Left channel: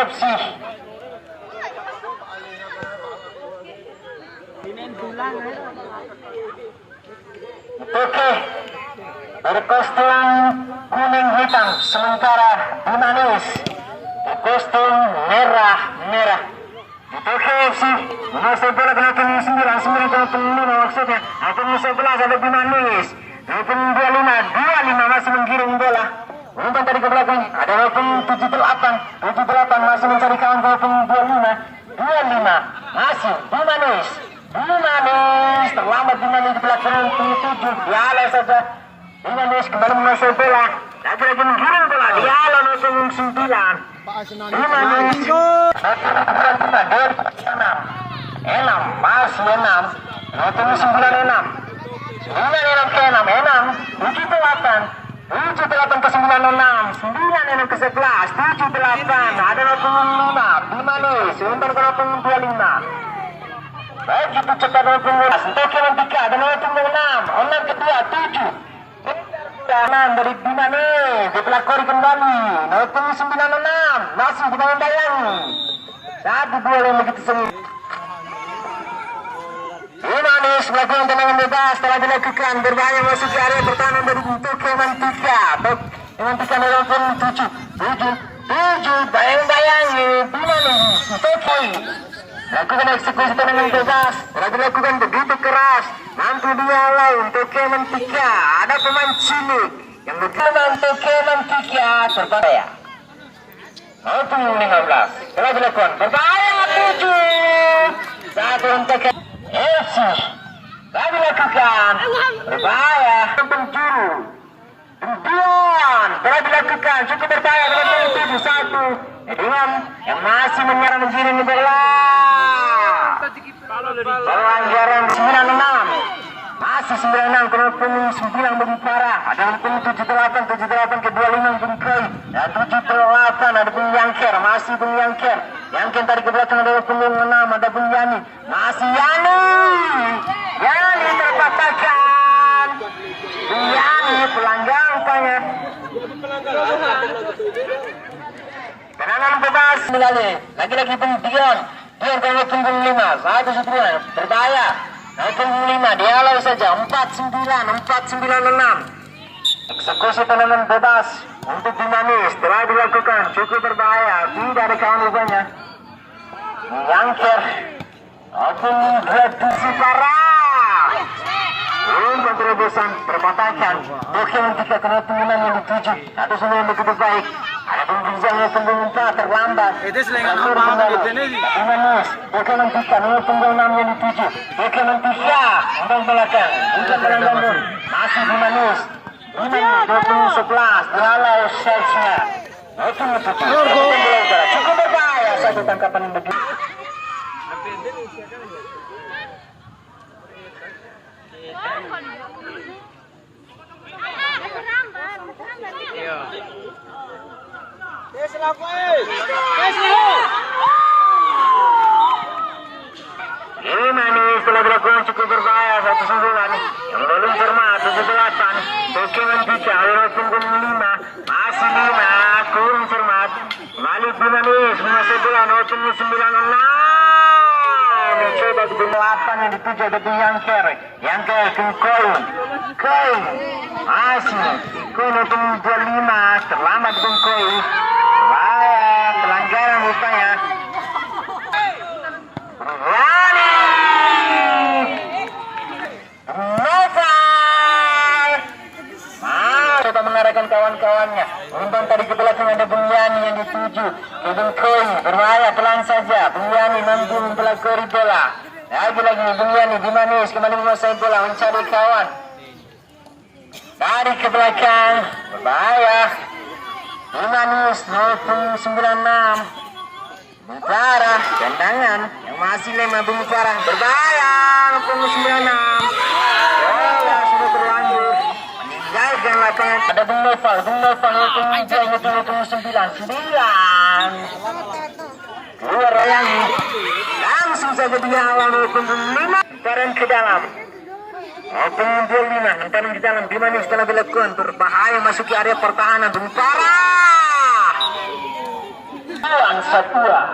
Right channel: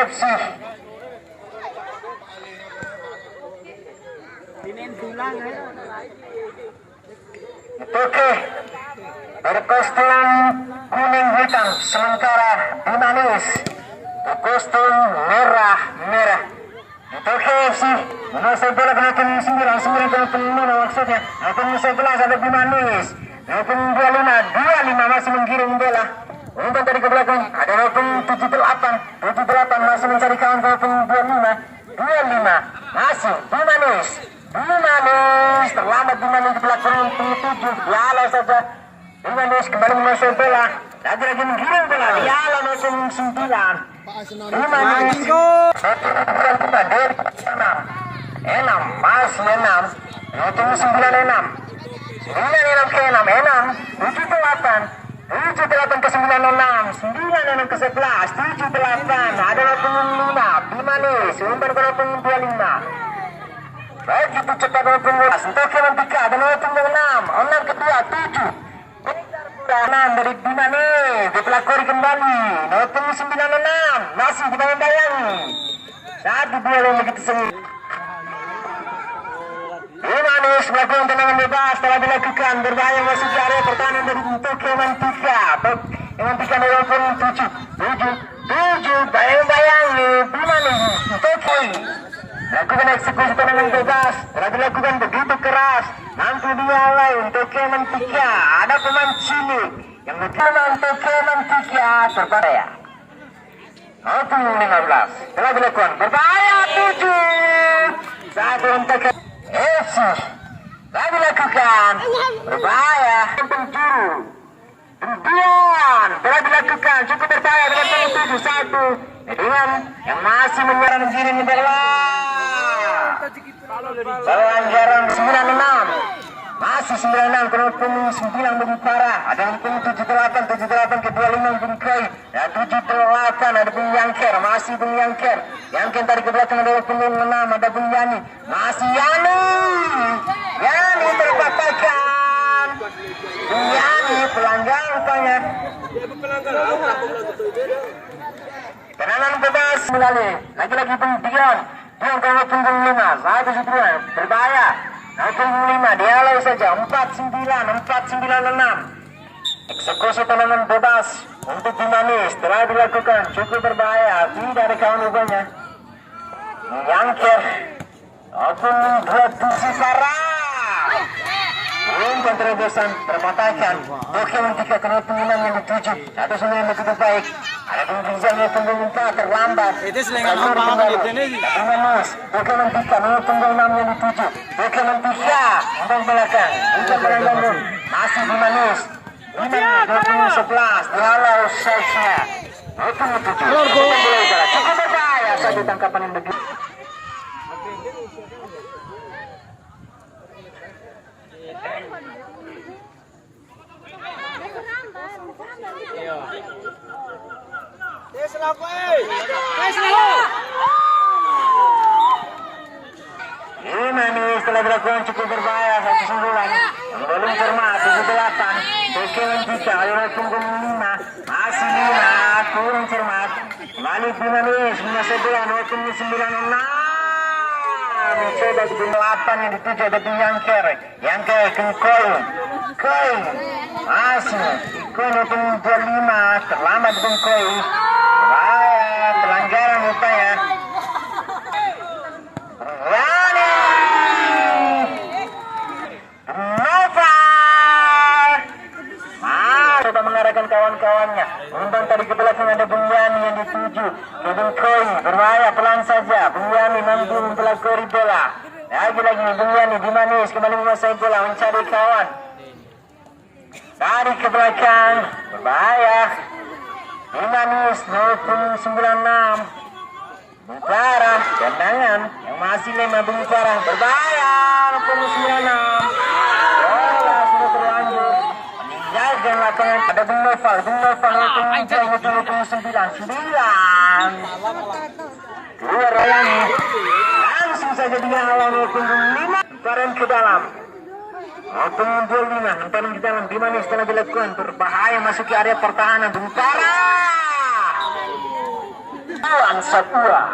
FC. Oke, berkostum kuning hitam, sementara Bimanis berkostum merah. Oke FC, menguasai bola kenakan 9,5 maksudnya. Akan 11 ada Bimanis. Akan 25 masih menggiring bola. Umpan tadi ke belakang, ada walaupun 78 masih mencari kawan ke walaupun 25 masih Bimanis terlambat Bimanis di belakang 7 dialah saja Bimanis kembali menguasai bola, lagi menggiring bola, dialah 09 Bimanis 6 masih 6 walaupun 96 ke 7 ke 96, 9 ke 11, 78 adalah 5 Bimanis, umpan ke 25. Baik itu cepat 12, untuk yang 3 ada 6 ke 2, 7 dari Bimanis, dipelakori kembali 96, masih kita membayangi 1-2 begitu sengit. Bimanis melakukan tendangan bebas telah dilakukan, berbahaya masuk ke area pertahanan dari untuk Keman Tika walaupun 7 bayang-bayangi Bimanis Toki lakukan eksekusi tendangan bebas, telah dilakukan begitu keras, mampu dialai untuk Keman Tika, ada pemain cilik yang berkembang untuk Keman Tika berbahaya. Maupun 15 telah dilakukan berbahaya 7 satu untuk FC lagi lakukan berbahaya penjuru Ribuan telah dilakukan cukup berbahaya dengan 7-1 dengan yang masih menyerang mengirim adalah pelanggaran 96 masih 96 walaupun 9 lebih parah, ada walaupun 78 ke 25 pun Koi ya 78 ada pun Yangker, masih pun Yangker tadi ke belakang ada pun 6 ada pun Yani, masih Yani terpatahkan Yani pelanggarannya tendangan bebas melalui lagi-lagi pun Dion kalau punggung 5 1 sebulan berbahaya 5 dialai saja 496 eksekusi tendangan bebas untuk Bimanis telah dilakukan cukup berbahaya, tidak ada kawan rupanya Yangker maupun 2 sarah umpan terobosan terpatahkan Keman Tika kena pengenam yang dituju ada semua yang begitu baik, ada pembincannya punggung 4 terlambat Bimanis Keman Tika nomor punggung 6 yang dituju Keman Tika umpan belakang umpan belakang masih Bimanis 11 dihalau selesai maupun 7 cukup berbahaya satu tangkapan yang begitu. Bimanis telah dilakukan cukup berbahaya 1-9 belum cermat 7-8 Keman Tika akhirnya punggung 5 masih 5 kurang cermat balik Bimanis menguasai bola 96 mencoba ke 8 yang dituju ada Yangker ke Koi masih Koi 25 terlambat dengan Koi bahaya pelanggaran rupanya coba mengarahkan kawan-kawannya umpan tadi ke belakang ada Bunyani yang dituju Kevin Koi berbahaya pelan saja Bunyani mampu mempelakori bola lagi-lagi Bunyani Bimanis kembali menguasai bola mencari kawan tarik ke belakang berbahaya Bimanis 96 Bukara tendangan yang masih 5 Bukara berbahaya 96 bola sudah terlanjur meninggalkan lapangan ada Bung Noval itu 9 keluar Royangi langsung saja dia awal 5 hentaran ke dalam pengumpul 5 hentaran ke dalam Bimanis telah dilakukan berbahaya masuk ke area pertahanan Bukara Tuan Satua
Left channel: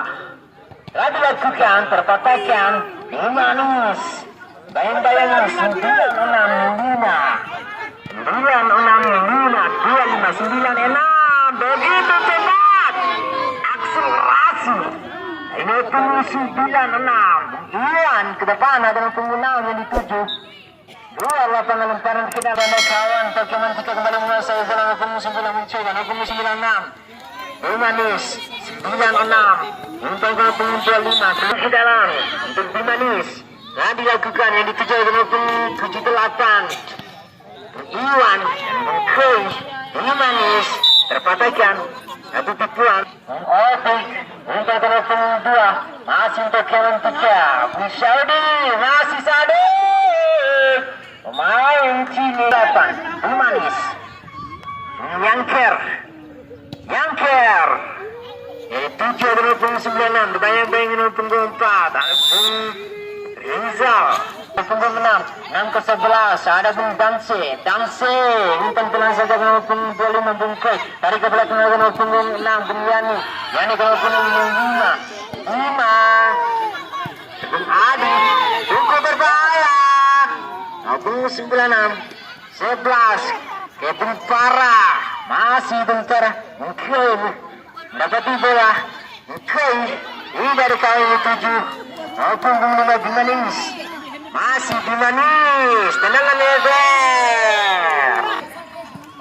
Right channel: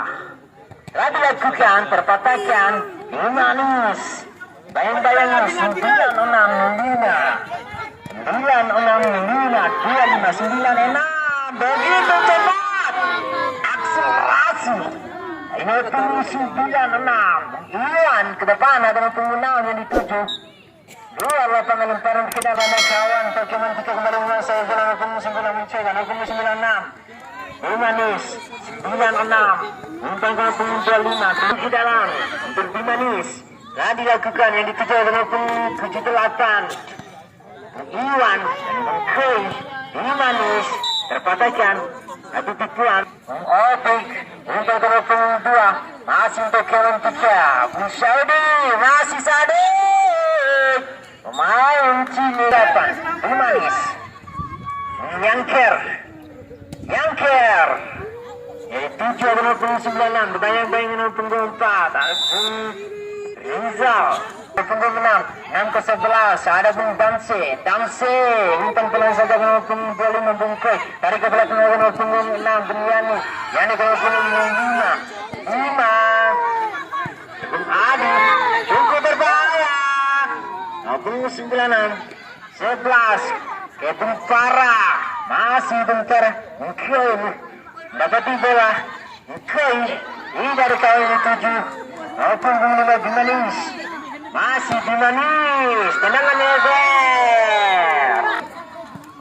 dilakukan terpatahkan Bimanis bayang-bayang 96 begitu cepat akselerasi ini tunggu 96 Iwan ke depan ada penggunaan yang dituju dua lapangan lemparan kita ramai kawan Pokemon kita kembali menguasai zona 99 muncul dan 96 Bimanis 96 untuk pengumpul 5 ke dalam untuk Bimanis dilakukan yang dituju dengan 78 Iwan Koi Bimanis terpatahkan satu tipuan Opik untuk telepon 2 masih untuk Kevin 3 Busaudi masih Sadik pemain Cini 8 Bimanis Yangker jadi 7 dengan 96 dibayang-bayang dengan punggung 4 Rizal punggung 6 ke 11 ada Bung Danse umpan pelan saja dengan punggung 5 bungkus tarik ke belakang dengan punggung 6 Bung Yani ke punggung 5 Bung Adi cukup berbahaya punggung 96 11 ke Bung Parah masih bentar mungkin dapati bola mungkin ini dari kain 7 punggung 5 Bimanis masih Bimanis tendangan lebar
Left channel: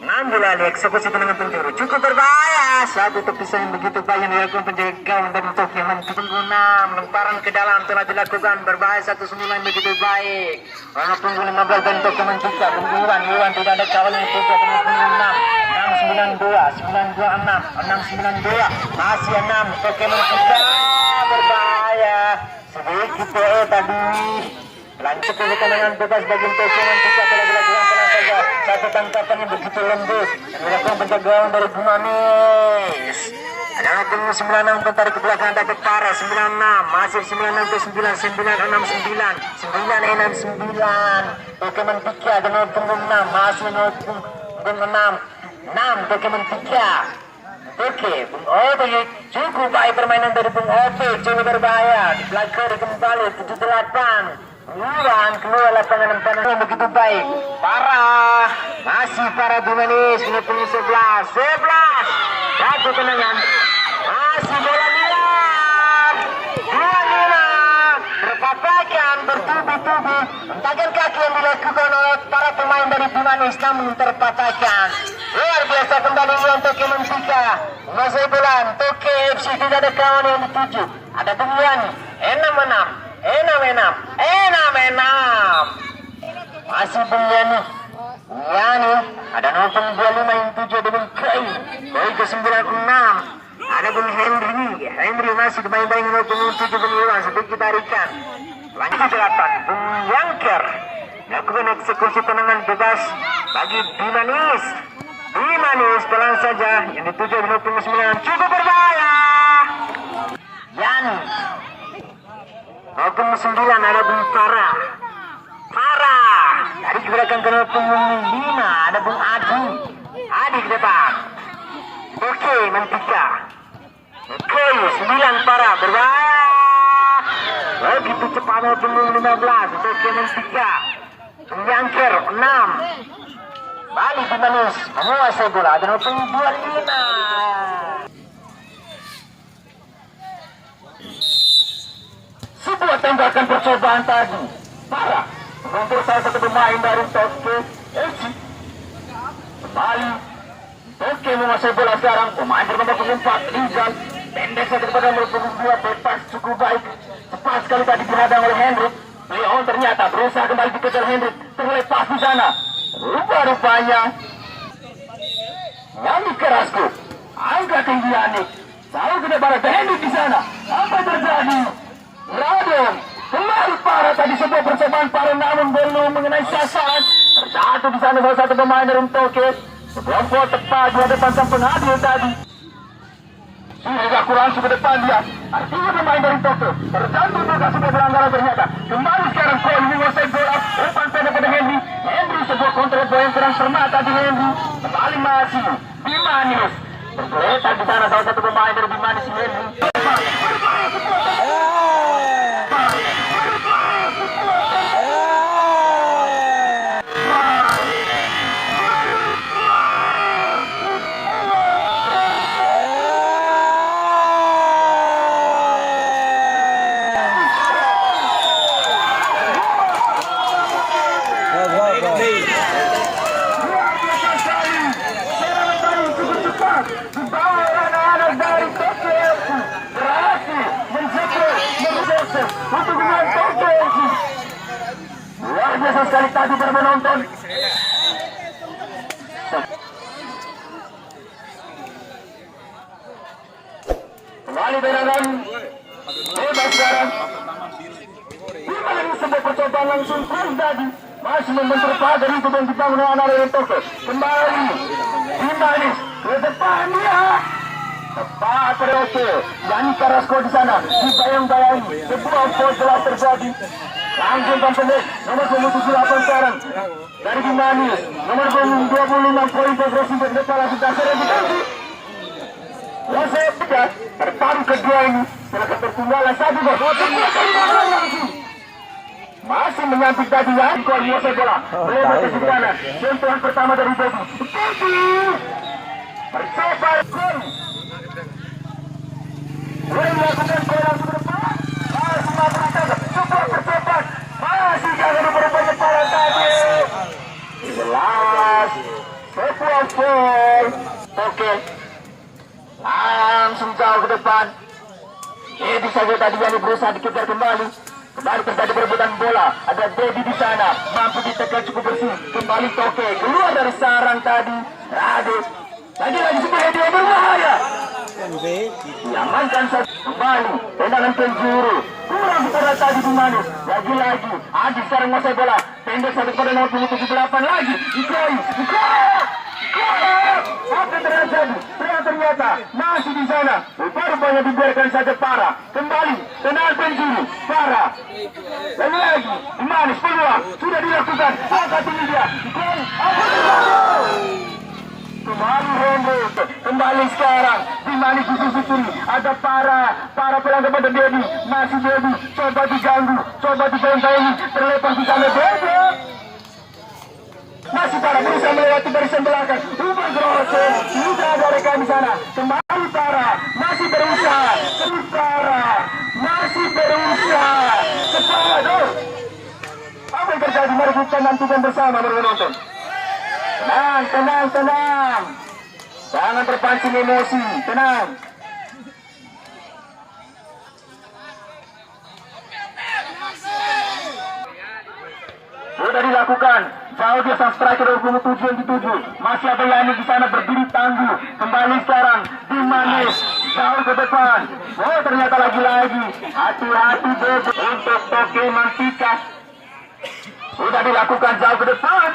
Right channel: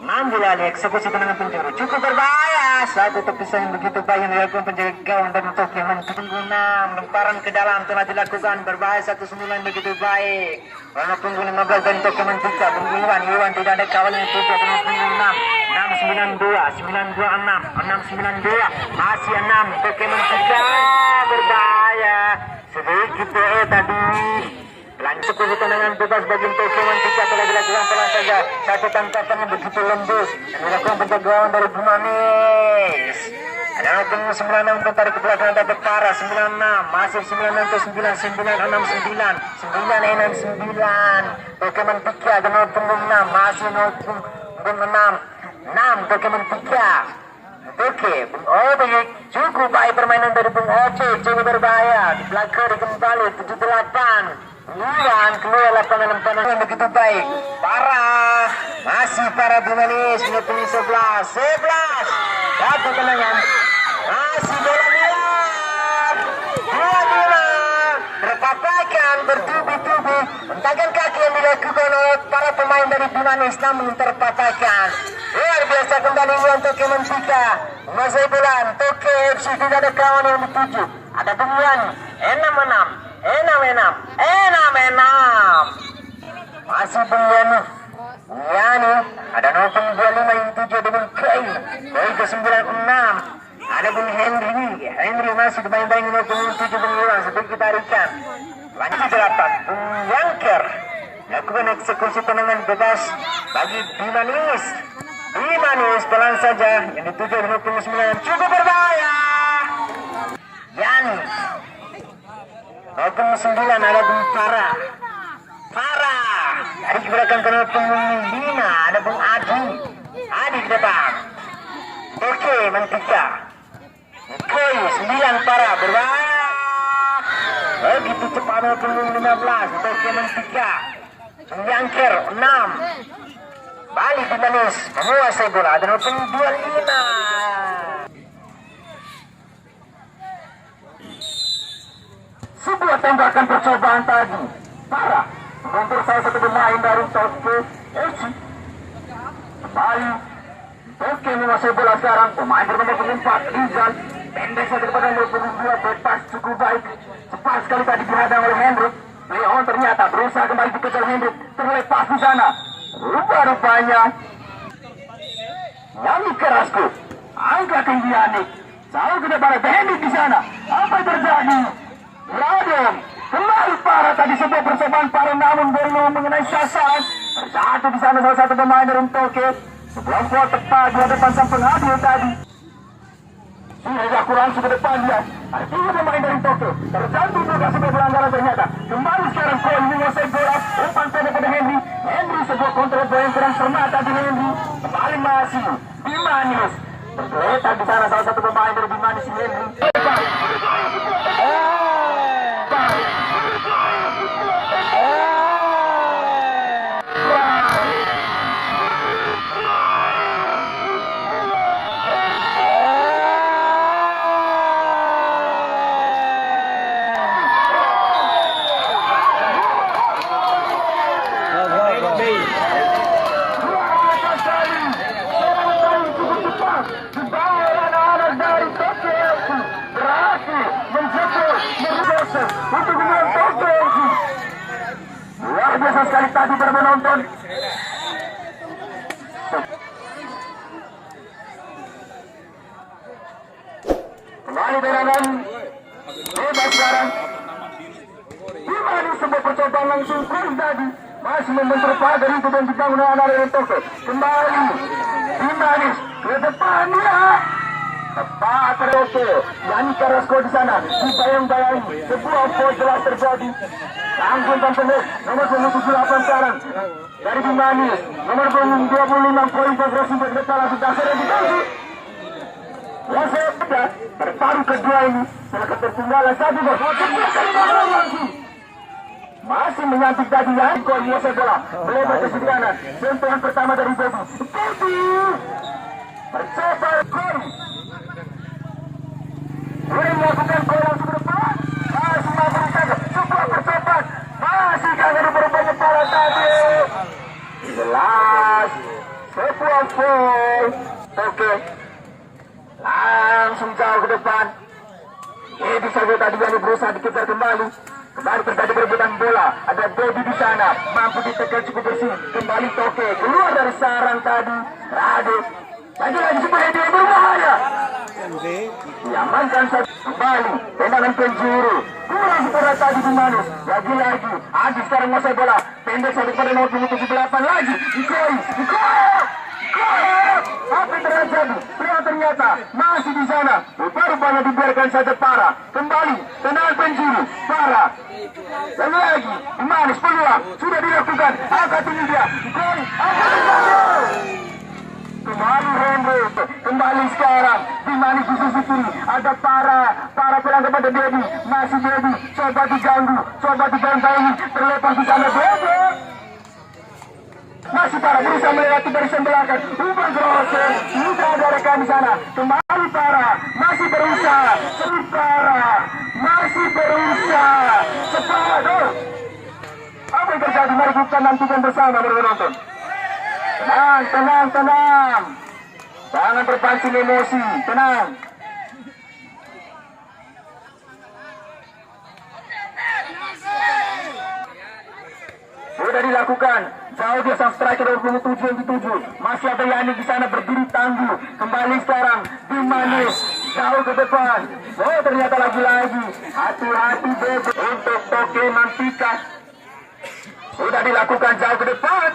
6 bola dieksekusi tendangan penjuru cukup berbahaya satu tepisan yang begitu baik yang dilakukan penjaga gawang dari Tokyo punggung 6 lemparan ke dalam telah dilakukan berbahaya 19 begitu baik karena punggung 15 dari Tokyo juga punggung Iwan tidak ada kawan yang tutup dengan punggung 6 692 masih 6 Pokemon juga berbahaya sedikit tadi lanjut ke tendangan bebas bagi Pokemon kita telah dilakukan pelan saja satu tangkapan yang begitu lembut dan dilakukan penjagaan dari Bimanis ada punggung 96 tarik ke belakang ada Tepara 96 masih 96 ke 9 Pokemon Pika dengan punggung 6 masih punggung 6 Pokemon 3 Oke, Bung Opik cukup baik permainan dari Bung Opik cukup berbahaya di belakang kembali 78 Iwan keluar lapangan lemparan yang begitu baik parah masih para Bimanis ini punggung 11 satu tendangan masih bola liar 2-5 terpatahkan bertubi-tubi hentakan kaki yang dilakukan oleh para pemain dari Bimanis namun terpatahkan luar biasa kembali untuk Pokemon 3 menguasai bola Tokyo FC tidak ada kawan yang dituju ada Bung 6 masih Bung Yani ada nomor 25 yang tujuh dengan Koi ke 96 ada Bung Henry masih dimain-main dengan punggung 7 Bung Iwan sedikit tarikan lanjut 8 Bung Yangker lakukan eksekusi tendangan bebas bagi Bimanis pelan saja yang dituju dengan punggung 9 cukup berbahaya Yani punggung 9 ada Bung Farah dari gerakan ke punggung 5 ada Bung Adi ke depan oke Mantika Koi 9 Farah berbahaya begitu cepat punggung 15 oke Mantika Bung Yangker 6 balik Bimanis menguasai bola ada punggung 25 sebuah tembakan percobaan tadi parah untuk salah satu pemain dari Tokyo FC kembali Tokyo menguasai bola sekarang pemain bernomor punggung 4 Rizal pendek saja kepada nomor punggung 2 bebas cukup baik cepat sekali tadi dihadang oleh Hendrik Leon ternyata berusaha kembali dikejar Hendrik terlepas di sana rupa-rupanya Nami Kerasku angka tinggi Yanik selalu tidak pada Hendrik di sana apa yang terjadi Radon kembali parah tadi sebuah percobaan parah namun belum mengenai sasaran terjatuh di sana salah satu pemain dari Tokyo sebuah gol tepat di hadapan sang pengadil tadi sudah kurang ke depan dia artinya pemain dari Tokyo terjatuh juga sebuah pelanggaran ternyata kembali sekarang Koi menguasai bola umpan pendek pada Henry sebuah kontrol bola yang kurang cermat tadi Henry kembali masih Bimanis tergeletak di sana salah satu pemain dari Bimanes ini. Untuk menonton luar biasa sekali tadi para penonton. Kembali berangan bebas sekarang. Gimana sebuah percobaan langsung terus tadi masih membentur pagar itu dan dibangun anak dari Tokyo. Kembali Bimanes ke depannya. Tepat Roke, Yani Carrasco di sana, dibayang-bayangi, sebuah foul jelas terjadi. Langsung tampil nomor 78 sekarang dari Bimanes, nomor 26 poin progresif ke depan langsung dasar yang dituju. Wasep tiga, terparu kedua ini, setelah ketertinggalan satu gol. Masih menyambut tadi yang gol Wasep bola, melebar ke sebelah kanan. Sentuhan pertama dari Bobby. Percepat gol. Boleh melakukan gol langsung ke depan. Masih mampu saja. Super percepat. Masih gagal berupaya para tadi. Jelas. Sebuah gol. Oke. Langsung jauh ke depan. Jadi saja tadi yang berusaha dikejar kembali. Kembali terjadi perebutan bola. Ada Dedi di sana. Mampu ditekan cukup bersih. Kembali Toke. Keluar dari sarang tadi. Radit. Lagi-lagi sebuah dia berbahaya. Diamankan saja kembali tendangan penjuru kurang kepada tadi Bimanes. Lagi-lagi Adi sekarang menguasai bola pendek satu pada nomor 78 lagi Ikoi. Apa yang terjadi? Ternyata masih di sana. Rupanya dibiarkan saja Para. Kembali tendangan penjuru Para. Lagi-lagi Bimanes peluang sudah dilakukan. Angkat tinggi dia Ikoi. Kembali Hendrik, kembali sekarang Bimanes di sisi kiri ada para pelanggan pada Dedi, masih Dedi, coba diganggu, coba dibayang-bayangi, terlepas di sana Dedi. Masih Para berusaha melewati barisan belakang, ubah Grosen, tidak ada rekan di sana. Kembali Para, masih berusaha, masih berusaha. Cepat, apa yang terjadi? Mari kita nantikan bersama menonton. Tenang. Jangan terpancing emosi, tenang. Sudah dilakukan. Jauh dia sang striker 27 yang dituju. Masih ada Yani di sana berdiri tangguh. Kembali sekarang Bimanes jauh ke depan. Oh ternyata lagi-lagi. Hati-hati Bobo untuk Toke Mantikas. Sudah dilakukan jauh ke depan.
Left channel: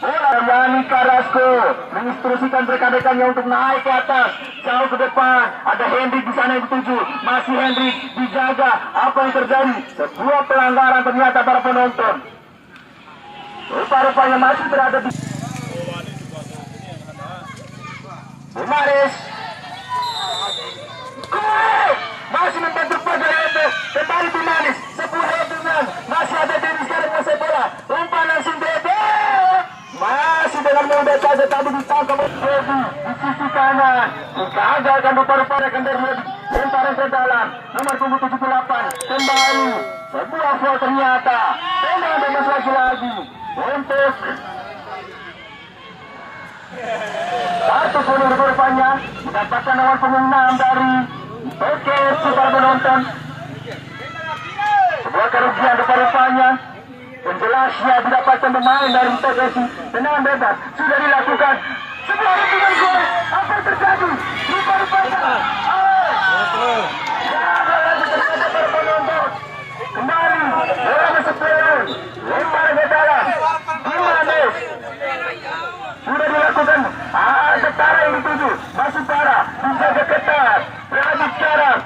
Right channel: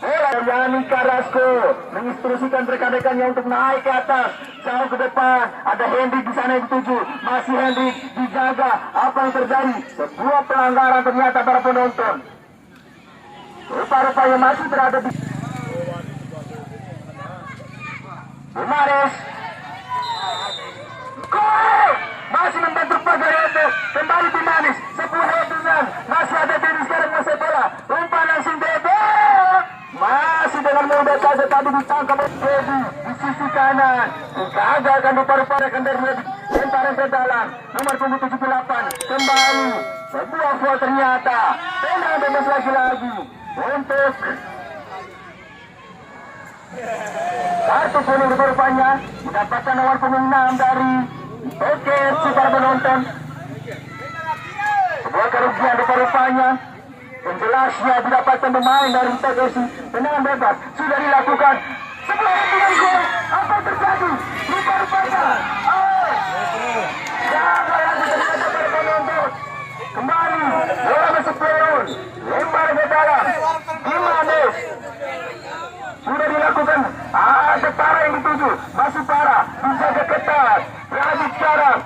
Bola Yani Carrasco menginstruksikan rekan-rekannya untuk naik ke atas, jauh ke depan. Ada Hendrik di sana yang dituju. Masih Hendrik dijaga. Apa yang terjadi? Sebuah pelanggaran ternyata para penonton. Rupa-rupanya masih berada di Bimanes. Masih membantu pagar itu. Kembali Bimanes. Sebuah dengan masih ada diri sekarang masih bola. Umpan langsung Dede. Masih dengan mudah saja tadi ditangkap Dedi di sisi kanan. Gagalkan rupa-rupanya akan dari lemparan ke dalam. Nomor 78 kembali. Sebuah foul ternyata. Tenang bebas lagi-lagi untuk kartu kuning rupa-rupanya mendapatkan nomor punggung 6 dari Oke para penonton. Sebuah kerugian rupa-rupanya. Penjelasnya didapatkan pemain dari TGC. Tendangan bebas sudah dilakukan. Sebuah hitungan gol. Apa yang terjadi? Rupa-rupanya gagal lagi ternyata para penonton. Kembali bola masuk peron. Lempar ke dalam. Bimanes sudah dilakukan. Ada Para yang dituju. Masih Para dijaga ketat. Berani sekarang.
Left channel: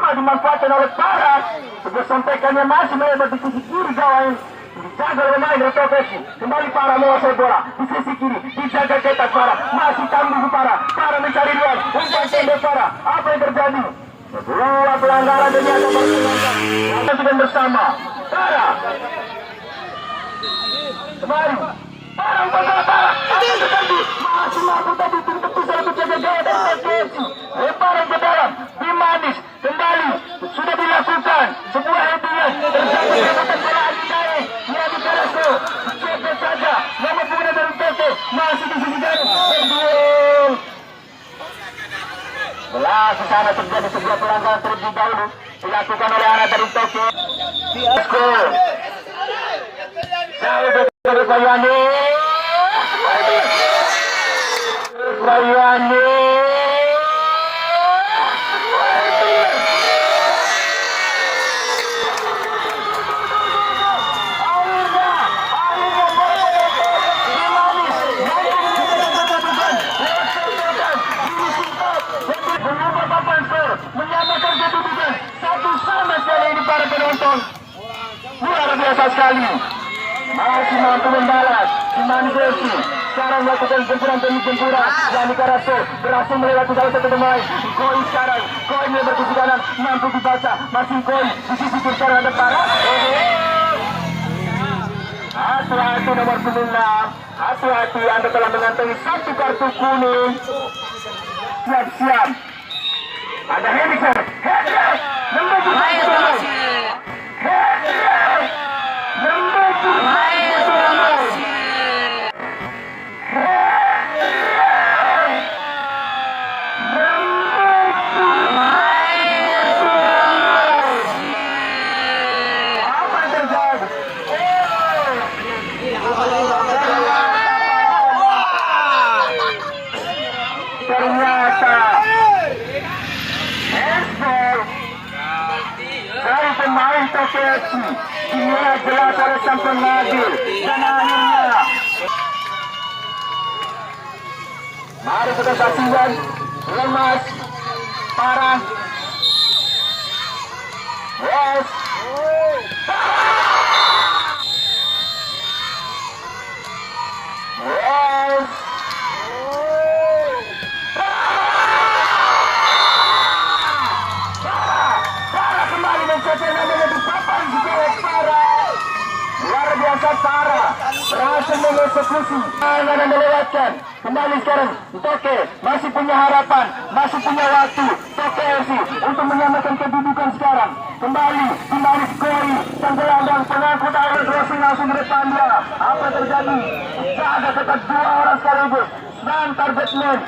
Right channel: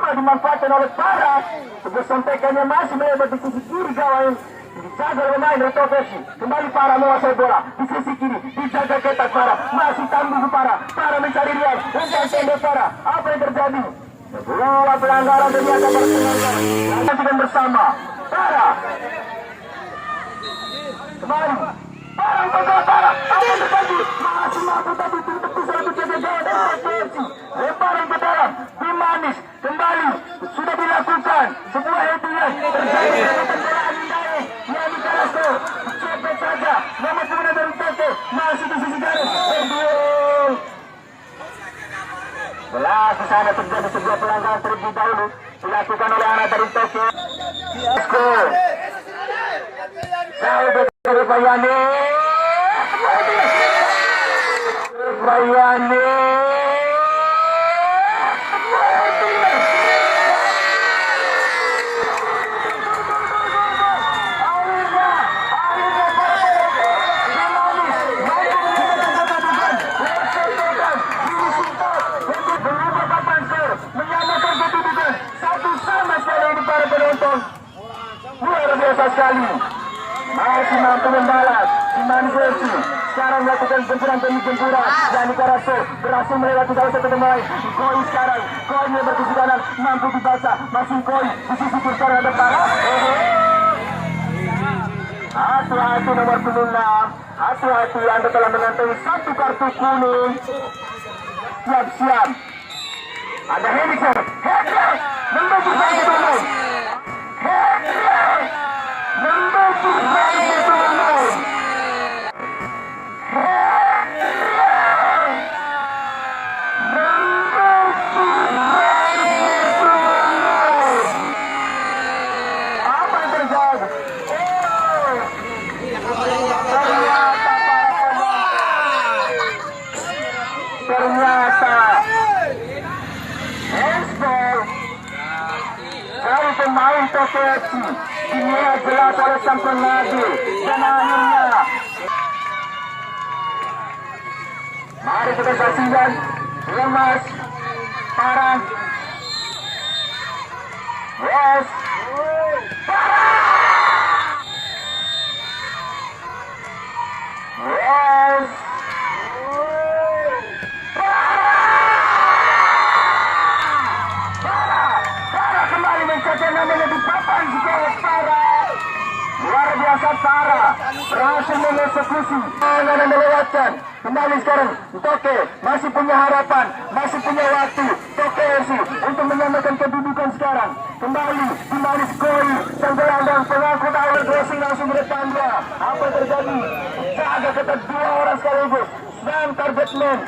dimanfaatkan oleh Farah. Sebuah sontekannya masih melebar di sisi kiri gawang. Dijaga oleh pemain dari Tokesi. Kembali Farah menguasai bola di sisi kiri. Dijaga ketat Farah. Masih tangguh Farah. Farah mencari ruang. Umpan pendek Farah. Apa yang terjadi? Dua pelanggaran ternyata berpelanggaran. Lanjut dengan bersama Farah. Kembali. Farah Farah. Apa yang terjadi? Masih mampu tadi untuk satu jaga gawang dari Tokesi. Lemparan ke dalam. Manis kembali sudah dilakukan sebuah headingan terjadi jabatan bola angin naik Yadi Kalasko cepat saja nomor pemuda dari Toko masih di sisi garis berduel belah di sana terjadi sebuah pelanggaran terlebih dahulu dilakukan oleh anak dari Toko jauh dari Bayani menyamakan kedudukan satu sama sekali ini para penonton luar biasa sekali masih mampu membalas Imani Gersi sekarang melakukan gempuran Yani Karaso berhasil melewati salah satu pemain Koi sekarang Koi melebar ke kanan mampu dibaca masih Koi di sisi kiri sekarang ada Farah hati-hati nomor 6 hati-hati Anda telah mengantongi satu kartu kuning siap-siap ada Henry membantu Henry membantu apa yang terjadi? Ternyata handball dari pemain Tokesi dinilai jelas oleh sang pengadil dan akhirnya mari kita saksikan lemas Farah Yes Yes kembali mencetak namanya di papan gawang Farah. Luar biasa Farah berhasil mengeksekusi tangan yang melewatkan. Kembali sekarang Toke masih punya harapan, masih punya waktu Toke FC untuk menyamakan kedudukan sekarang. Kembali di Manis Koi sang gelandang pengangkut air crossing langsung ke depan dia. Apa yang terjadi? Jaga ketat dua orang sekaligus. Dan target man.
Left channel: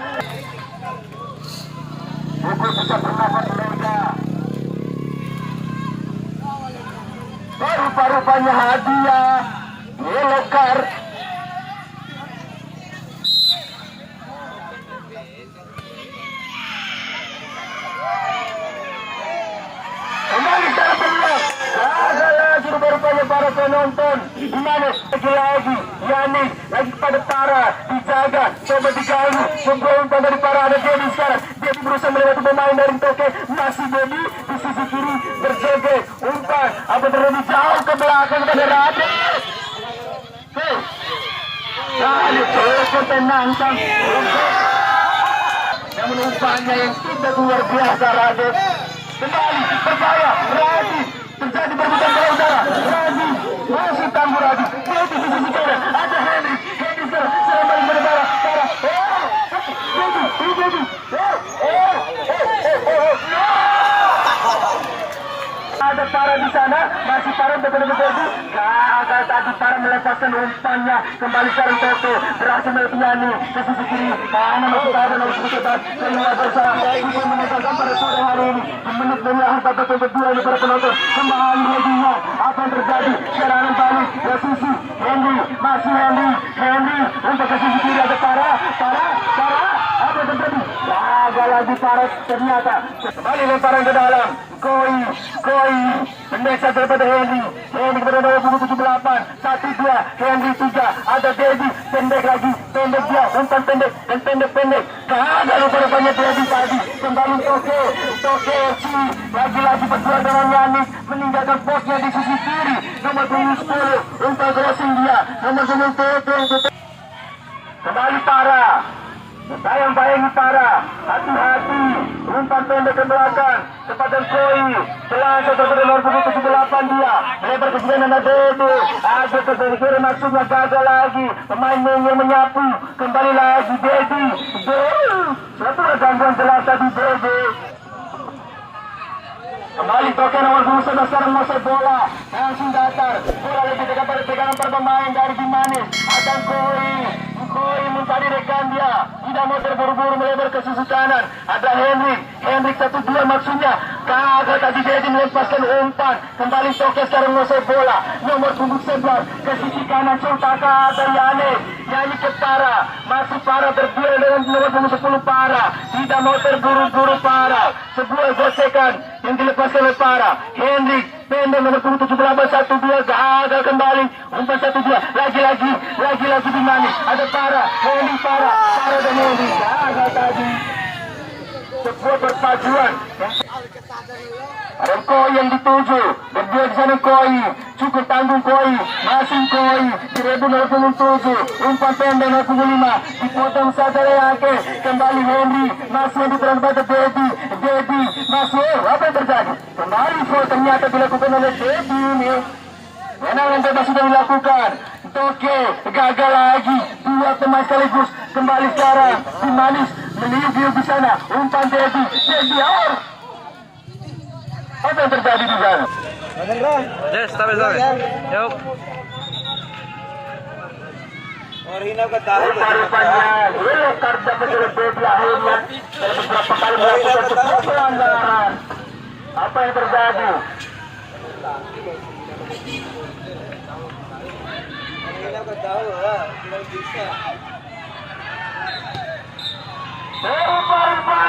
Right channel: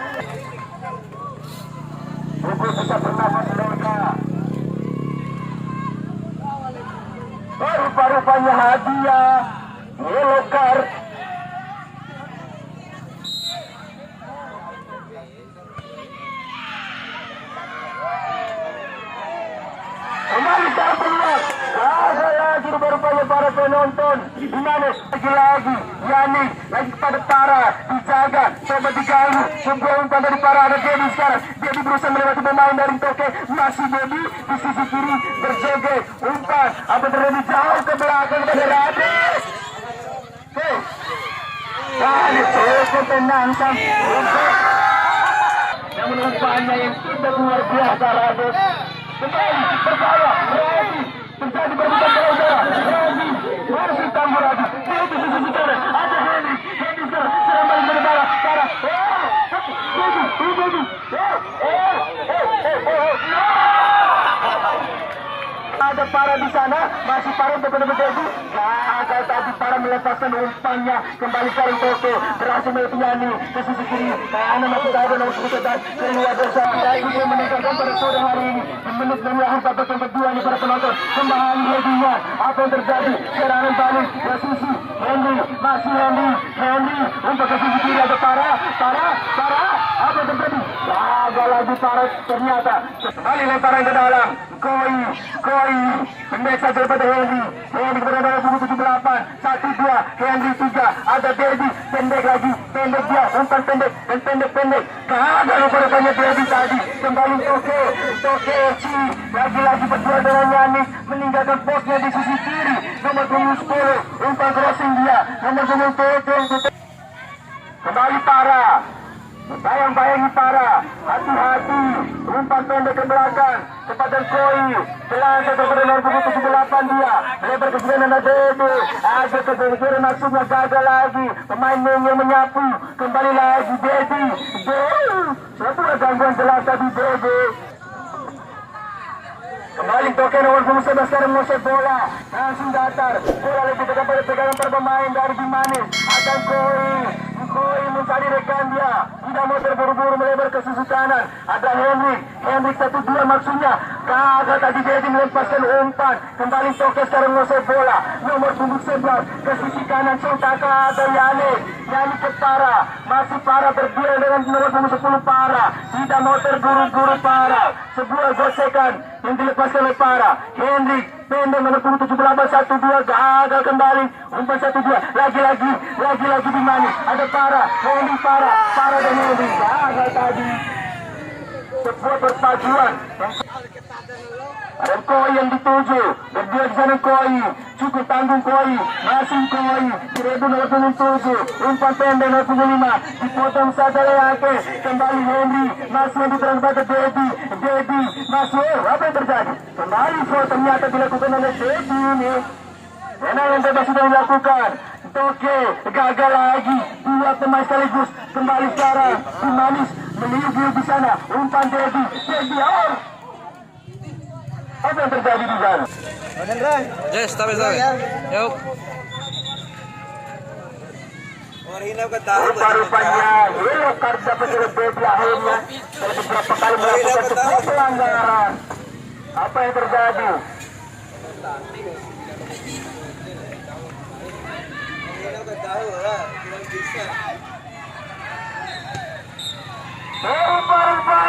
Buku bisa bernafas lega. Rupa-rupanya hadiah yellow card. Kembali dalam peluang. Ada lagi rupa-rupanya para penonton. Dimana lagi Yani lagi kepada Farah dijaga coba diganggu sebuah umpan dari Farah ada Dedi sekarang. Dedi berusaha melewati pemain dari Toke masih Dedi di sisi kiri berjoget umpan apa terjadi jauh ke belakang kepada Radis. Kali cukup menantang namun umpannya yang tidak luar biasa Radis. Kembali berbahaya Radis terjadi berbutan bola udara Radis masih tangguh Radis Dedi di sisi kanan ada Henry sekarang kembali berbahaya Farah Dedi ada Farah di sana masih Farah betul-betul gagal tadi Farah melepaskan umpannya kembali sekarang Toto berhasil melepaskan ke sisi kiri karena masih ada nomor 17 kedua bersama itu menonton pada sore hari ini menit mengakhir babak yang kedua ini para penonton kembali hadiah apa yang terjadi serangan balik ke sisi Henry masih Henry untuk ke sisi kiri ada Farah apa yang terjadi gagal lagi Farah ternyata kembali lemparan ke dalam Koi pendek saja daripada Henry kepada nomor punggung 78, 1-2 Henry 3, ada Dedi pendek lagi, pendek dia, umpan pendek dan pendek gagal rupanya Dedi tadi, kembali Toke FC lagi-lagi berdua dengan Yanik meninggalkan posnya di sisi kiri, nomor punggung 10 umpan crossing dia, nomor punggung 7 kembali Para bayang-bayangi Para, hati-hati umpan pendek ke belakang kepada Koi, selasa kepada nomor punggung 78 dia lebar ke sini dan Dedi ada kira maksudnya gagal lagi, pemain yang menyapu kembali lagi Dedi satu gangguan jelas tadi Dedi. Kembali Toke nomor 11 sekarang Mose bola langsung datar, bola lebih dekat pada pegangan para pemain dari Bimanis, ada Koi mencari rekan dia, tidak mau terburu-buru melebar ke sisi kanan, ada Henrik 1-2 maksudnya gagal tadi Dedi melepaskan umpan, kembali Toke sekarang Mose bola nomor punggung 11 ke sisi kanan, Sultaka ada Yanik ke Para, masih Para berdua dengan nomor punggung 10 Para, tidak mau terburu-buru Para, sebuah gosekan yang dilepaskan oleh Para, Henrik pendek nomor punggung 78, 1-2 gagal kembali, umpan 1-2 lagi di mana ada Para dan Henrik gagal tadi, sebuah perpaduan ada Koi yang dituju berdua di sana Koi, cukup tanggung Koi, masih Koi direbut nomor punggung 7, umpan pendek nomor punggung 5 dipotong saja Leyake, kembali Henry masih yang diterang pada Dedi masih apa yang terjadi, kembali foul ternyata dilakukan oleh Dedi ini, tendangan bebas sudah dilakukan. Toke gagal lagi, dua pemain sekaligus kembali sekarang Bimanis meliuk di sana, umpan Dedi apa yang terjadi di sana? Yes, tabi. Yuk. Rupa-rupanya yellow card dapat Dedi akhirnya dari beberapa kali melakukan sebuah pelanggaran. Apa yang terjadi? Rupa-rupanya